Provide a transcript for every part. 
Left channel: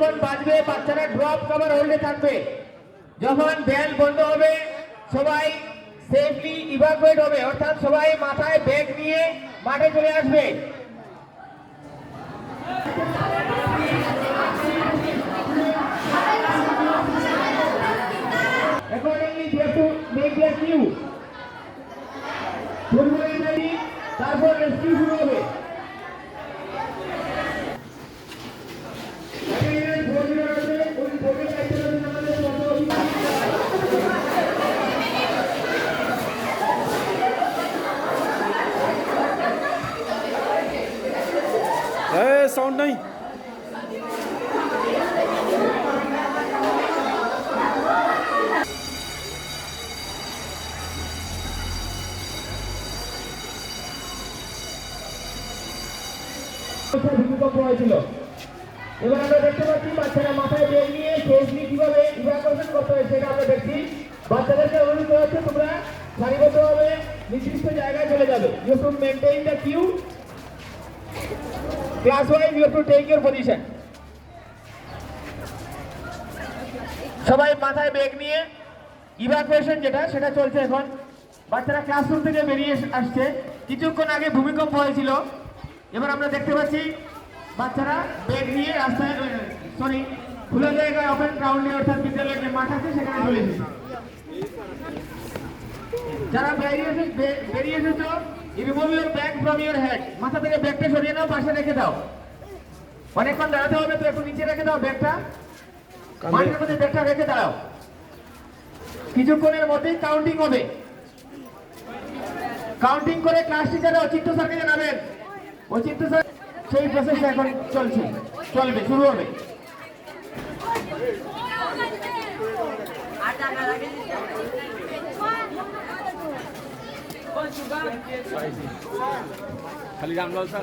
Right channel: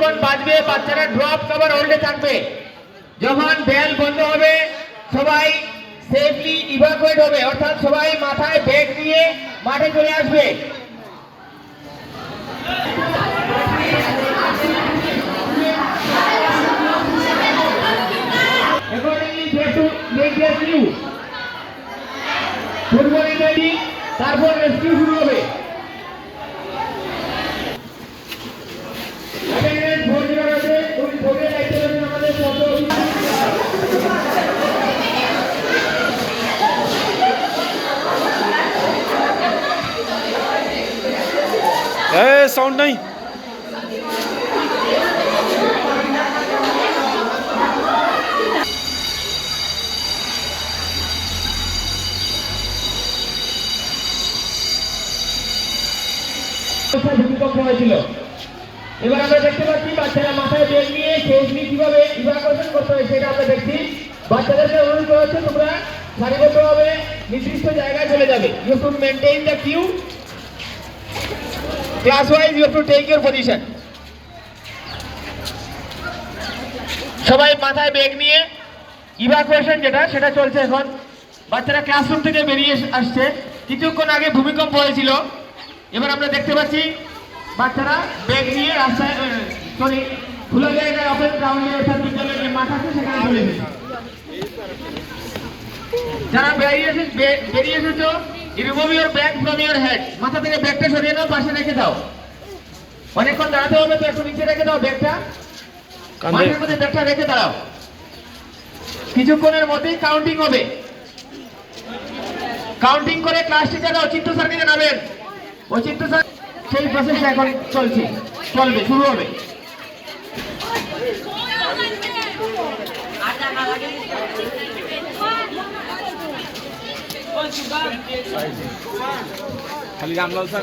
যখন বাজবে বাচ্চারা ড্রপ কভার হোল্ডে থাকবে। যখন বেল বন্ধ হবে সবাই সেফলি ইভাকুয়েট হবে, অর্থাৎ সবাই মাথায় ব্যাগ নিয়ে মাঠে চলে আসবে। তারপর রেস্কিউ শুরু হবে। साउंड नहीं। ভূমিকম্প হয়েছিল। এবার আমরা দেখতে পাচ্ছি বাচ্চারা মাথায় ব্যাগ নিয়ে সেফলি কিভাবে ইভাকুয়েশন করতে হয় সেটা আমরা দেখছি। বাচ্চাদেরকে অনুরোধ করা হচ্ছে তোমরা সারিবদ্ধভাবে নির্দিষ্ট জায়গায় চলে যাবে। You should maintain the queue class wise, you have to take your position. সবাই মাথায় ব্যাগ নিয়ে ইভাকুয়েশন যেটা সেটা চলছে এখন। বাচ্চারা ক্লাসরুম থেকে বেরিয়ে আসছে। কিছুক্ষণ আগে ভূমিকম্প হয়েছিল। এবার আমরা দেখতে পাচ্ছি বাচ্চারা ব্যাগ নিয়ে রাস্তায় খোলা জায়গায় ওপেন গ্রাউন্ডে অর্থাৎ বিদ্যালয়ের যে মাঠ আছে সেখানে চলে এসেছে। যারা বেরিয়ে এসেছো, remove your bag from your head. মাথা থেকে ব্যাগটা সরিয়ে নাও, পাশে রেখে দাও। অনেকক্ষণ দাঁড়াতে হবে তো একটু নিচে রেখে দাও ব্যাগটা, মাঠের মধ্যে ব্যাগটা রেখে দাঁড়াও। কিছুক্ষণের মধ্যেই কাউন্টিং হবে। কাউন্টিং করে ক্লাস টিচার অচিন্ত স্যারকে জানাবেন। অচিন্ত স্যার সেই প্রসেসটা এখন চলবে, শুরু হবে। खाली Ramlal sir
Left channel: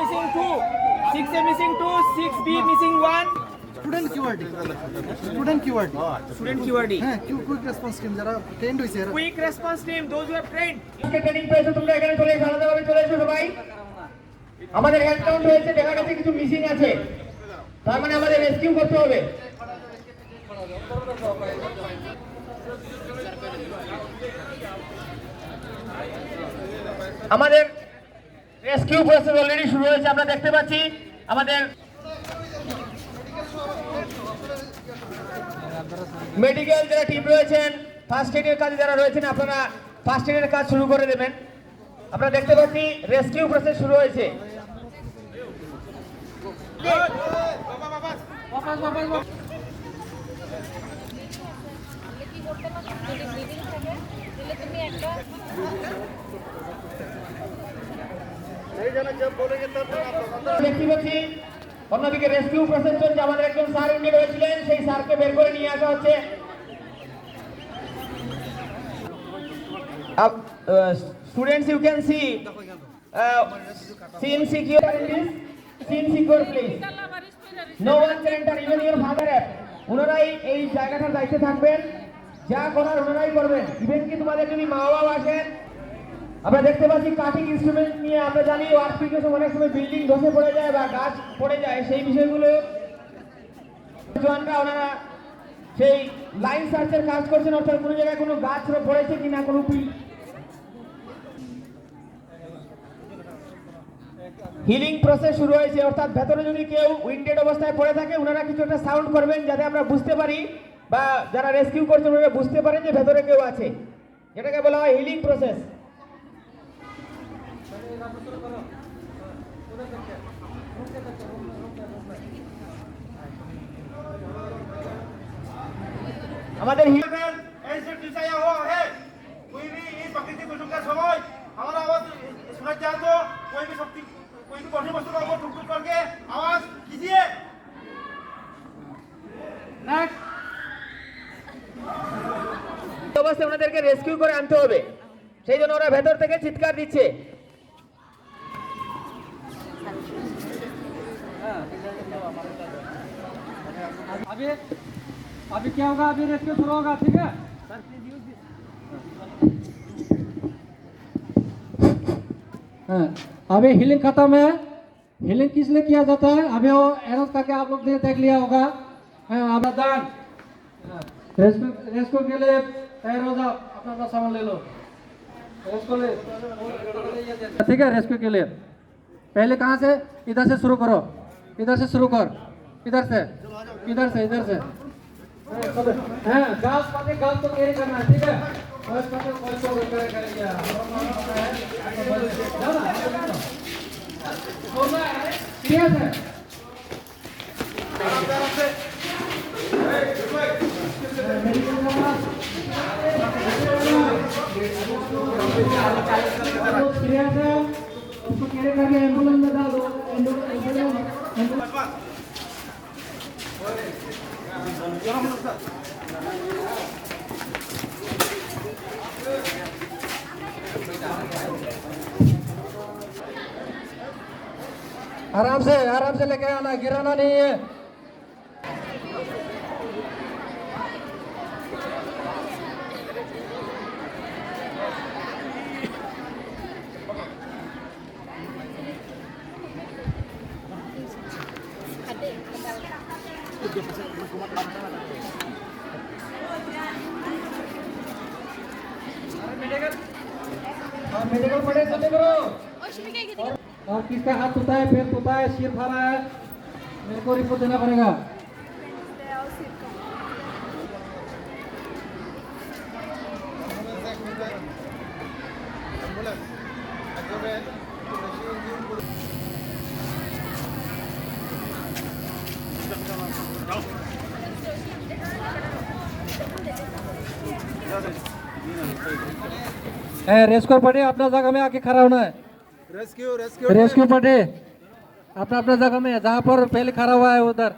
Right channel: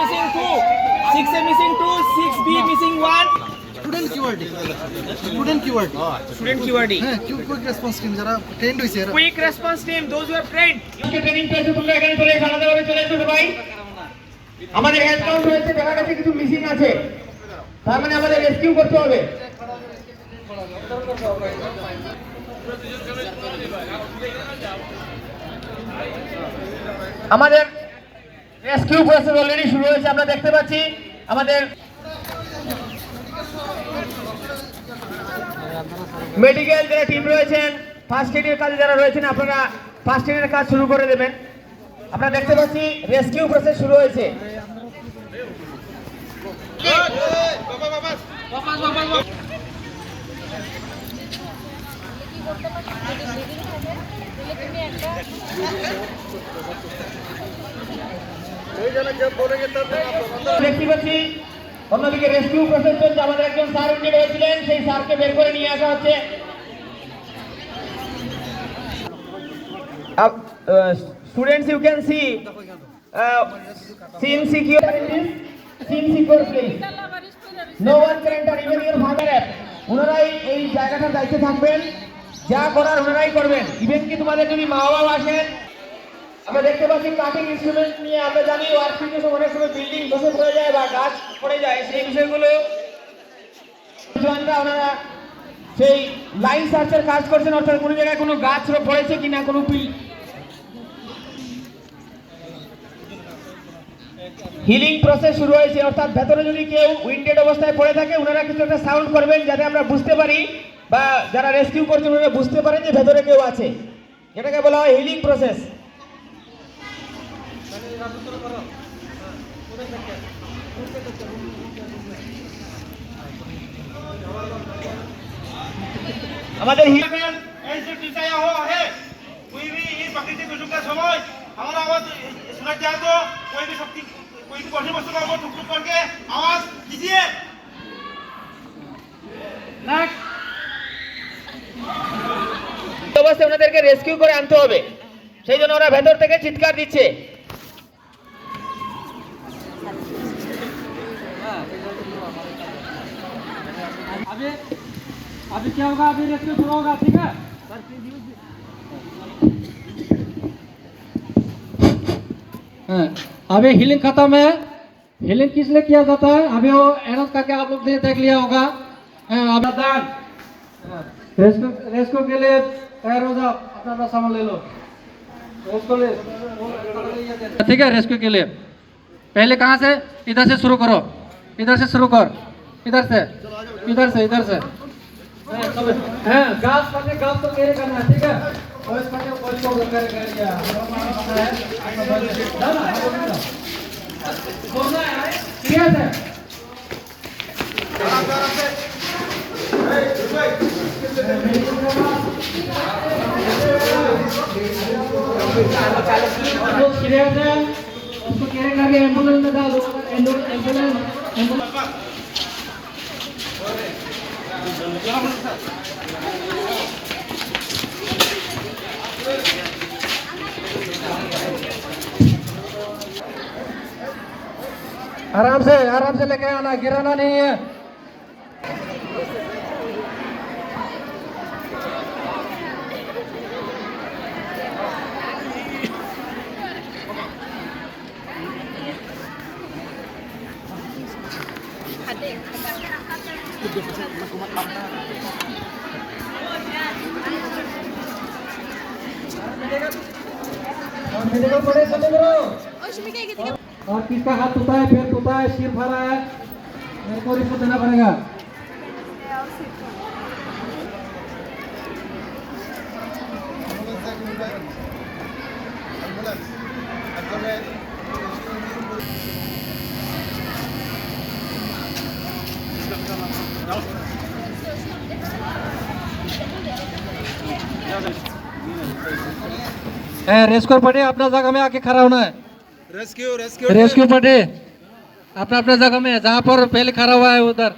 missing 2, 6A missing 2, 6B missing 1. Student keyword. Student QRD. Quick response team যারা trained হইছে এরা। Quick response team, those who have trained. Training পেয়েছো তোমরা এখানে চলে এসো, আলাদাভাবে চলে এসো সবাই। আমাদের হ্যান্ড কাউন্ট হয়েছে, দেখা গেছে কিছু মিসিং আছে, তার মানে আমাদের রেস্কিউ করতে হবে। আমাদের রেস্কিউ প্রসেস অলরেডি শুরু হয়েছে। আমরা দেখতে পাচ্ছি আমাদের মেডিকেল যারা টিম রয়েছেন, ফার্স্ট এডের কাজে যারা রয়েছেন, আপনারা ফার্স্ট এডের কাজ শুরু করে দেবেন। আমরা দেখতে পাচ্ছি রেস্কিউ প্রসেস শুরু হয়েছে। দেখতে পাচ্ছি অন্যদিকে রেস্কিউ প্রসেস চলছে। আমাদের একজন স্যার উইন্ডেড হয়েছিলেন, সেই স্যারকে বের করে নিয়ে আসা হচ্ছে। Students, you can see scene secure in this scene secure place. No one can enter, even your father. ওনারাই এই জায়গাটার দায়িত্বে থাকবেন, যা করার ওনারাই করবেন। ইভেন কি তোমাদের যদি মা বাবা আসেন, আমরা দেখতে পাচ্ছি কাটিং ইনস্ট্রুমেন্ট নিয়ে। আমরা জানি ওয়ার্কশপে অনেক সময় বিল্ডিং ধসে পড়ে যায় বা গাছ পড়ে যায়, সেই বিষয়গুলো ওনারা সেই লাইন সার্চের কাজ করছেন, অর্থাৎ কোনো জায়গায় কোনো গাছ পড়েছে কিনা, কোনো হিলিং প্রসেস শুরু হয়েছে। অর্থাৎ ভেতরে যদি কেউ উইন্ডেড অবস্থায় পড়ে থাকে, ওনারা কিছু একটা সাউন্ড করবেন যাতে আমরা বুঝতে পারি বা যারা রেস্কিউ করছেন ওনারা বুঝতে পারেন যে ভেতরে কেউ আছে। এটাকে বলা হয় হিলিং প্রসেস। আমাদের ऐसे टिचाया हो है कोई भी इस प्राकृतिक दुर्योग का समय हमारा आवाज सुना जाए तो कोई भी शक्ति कोई भी कठिन वस्तु का ऊपर ठुक ठुक करके आवाज कीजिए অবস্থায় ওনাদেরকে রেস্কিউ করে আনতে হবে, সেই জন্য ওরা ভেতর থেকে চিৎকার দিচ্ছে। अभी क्या होगा, अभी रेस्क्यू शुरू होगा, ठीक है। अभी हीलिंग खत्म है। हीलिंग किस लिए किया जाता है, अभी वो एनोस करके आप लोग ने देख लिया होगा। अब रेस्क्यू के लिए तैयार हो जाओ, अपना सामान ले लो। ठीक है, रेस्क्यू के लिए पहले कहाँ से, इधर से शुरू करो, इधर से शुरू कर, इधर से इधर से इधर से। हाँ, घास पाने घास तो कैरी करना है, ठीक है। और इस पाने कोई तो कैरी करेगा, ठीक है। सीरियस है, उसको कैरी करके एम्बुलेंस में डालो, एम्बुलेंस। आराम से लेके आना, गिराना नहीं है। मेडिकल पड़े चले करो। और किसका हाथ टूटा है, पैर टूटा है, सिर फटा है, मेरे को रिपोर्ट देना पड़ेगा। रेस्क्यू पड़े अपना जगह में आके खड़ा होना है। रेस्क्यू पड़े अपना अपना जगह में, जहाँ पर पहले खड़ा हुआ है उधर।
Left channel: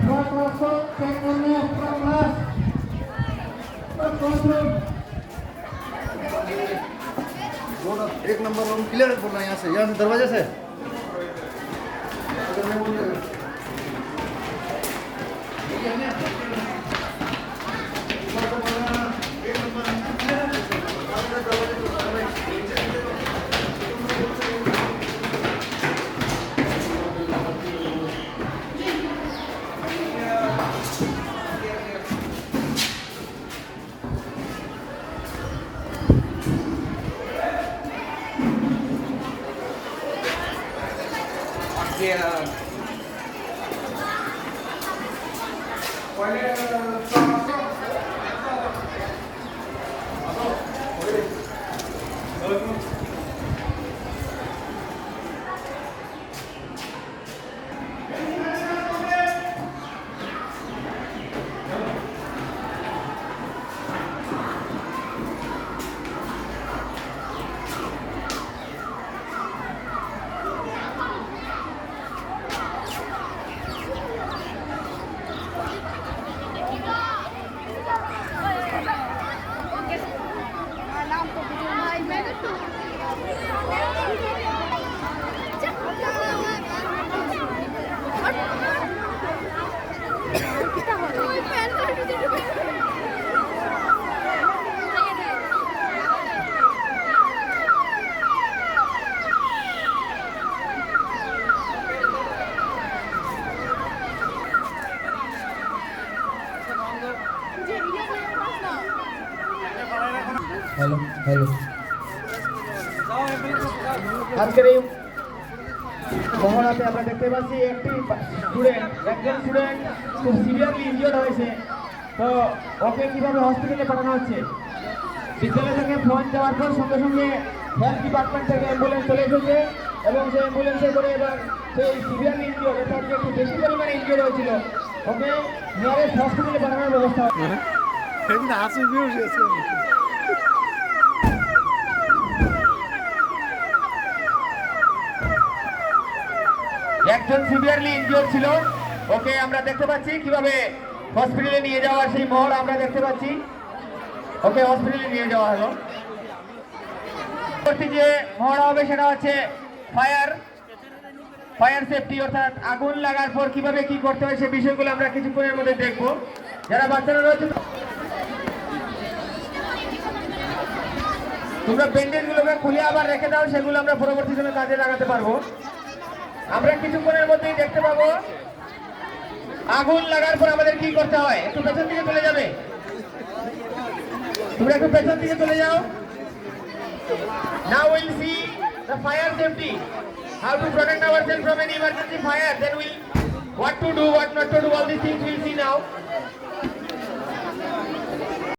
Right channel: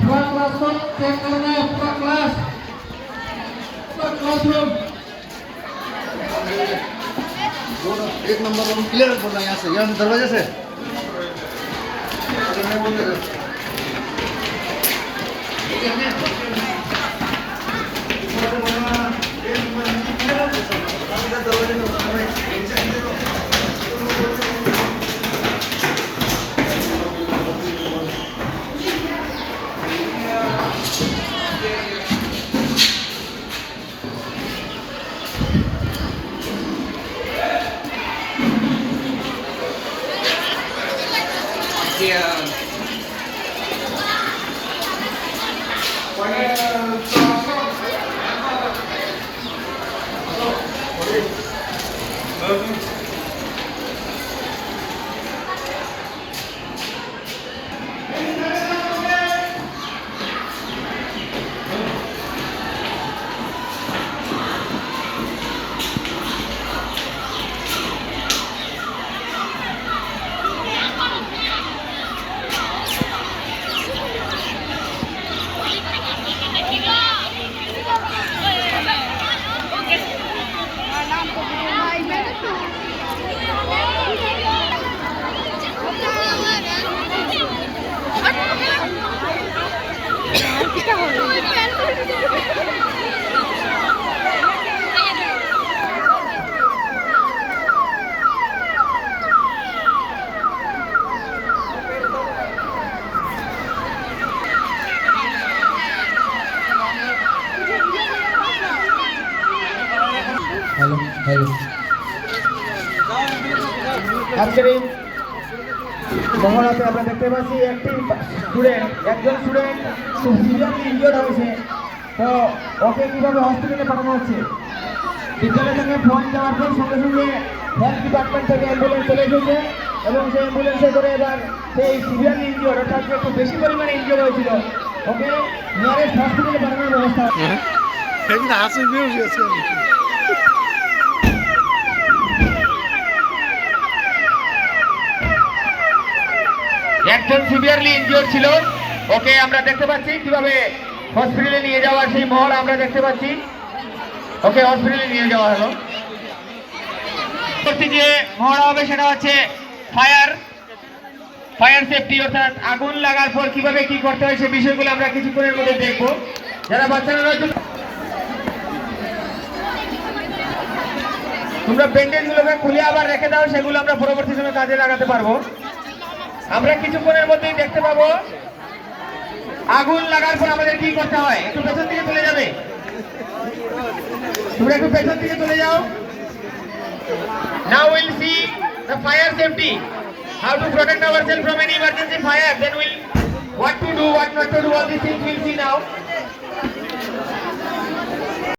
पूरा क्लास को चेक करना है, पूरा क्लासरूम। एक नंबर रूम क्लियर बोल रहा है, यहाँ से दरवाजे से। हेलो हेलो আজকের এই মহড়াতে আমরা দেখতে পাচ্ছি একজন স্টুডেন্ট খুব সিরিয়াসলি ইনজিওর্ড হয়েছে, তো ওকে কিভাবে হসপিটালে পাঠানো হচ্ছে বিদ্যালয়ের সঙ্গে ফোন দেওয়ার পর সঙ্গে সঙ্গে হেলথ ডিপার্টমেন্ট থেকে অ্যাম্বুলেন্স চলে এসেছে এবং সেই অ্যাম্বুলেন্সে করে এবার সেই সিভিয়ার ইনজিওর অর্থাৎ যে একটু বেশি পরিমাণে ইনজিওর হয়েছিল ওকে নিয়ারেস্ট হসপিটালে পাঠানোর ব্যবস্থা। একজন সিভিয়ারলি ইনজিওর ছিল, ওকে আমরা দেখতে পাচ্ছি কিভাবে হসপিটালে নিয়ে যাওয়ার সেই মহল আমরা দেখতে পাচ্ছি। ওকে হসপিটালে নিয়ে যাওয়া হলো। পরবর্তী যে মহড়া হবে সেটা হচ্ছে ফায়ার সেফটি, অর্থাৎ আগুন লাগার পর কিভাবে কি করতে হয় সেই বিষয়গুলো আমরা কিছুক্ষণের মধ্যে দেখবো। যারা বাচ্চারা রয়েছে তোমরা ব্যান্ডেজ গুলোকে খুলে আবার রেখে দাও, সেগুলো আমরা পরবর্তী সময় কাজে লাগাতে পারবো। আমরা কিছুক্ষণের মধ্যেই দেখতে পাবো আগুন লাগার পর আমাদের কি করতে হয়। একটু পেছন দিকে চলে যাবে, তোমরা একটু পেছন দিকে চলে যাও। Now we'll see the fire safety, how to protect ourselves from any emergency fire. Then we'll what to do, what not to do. All these things we'll see now.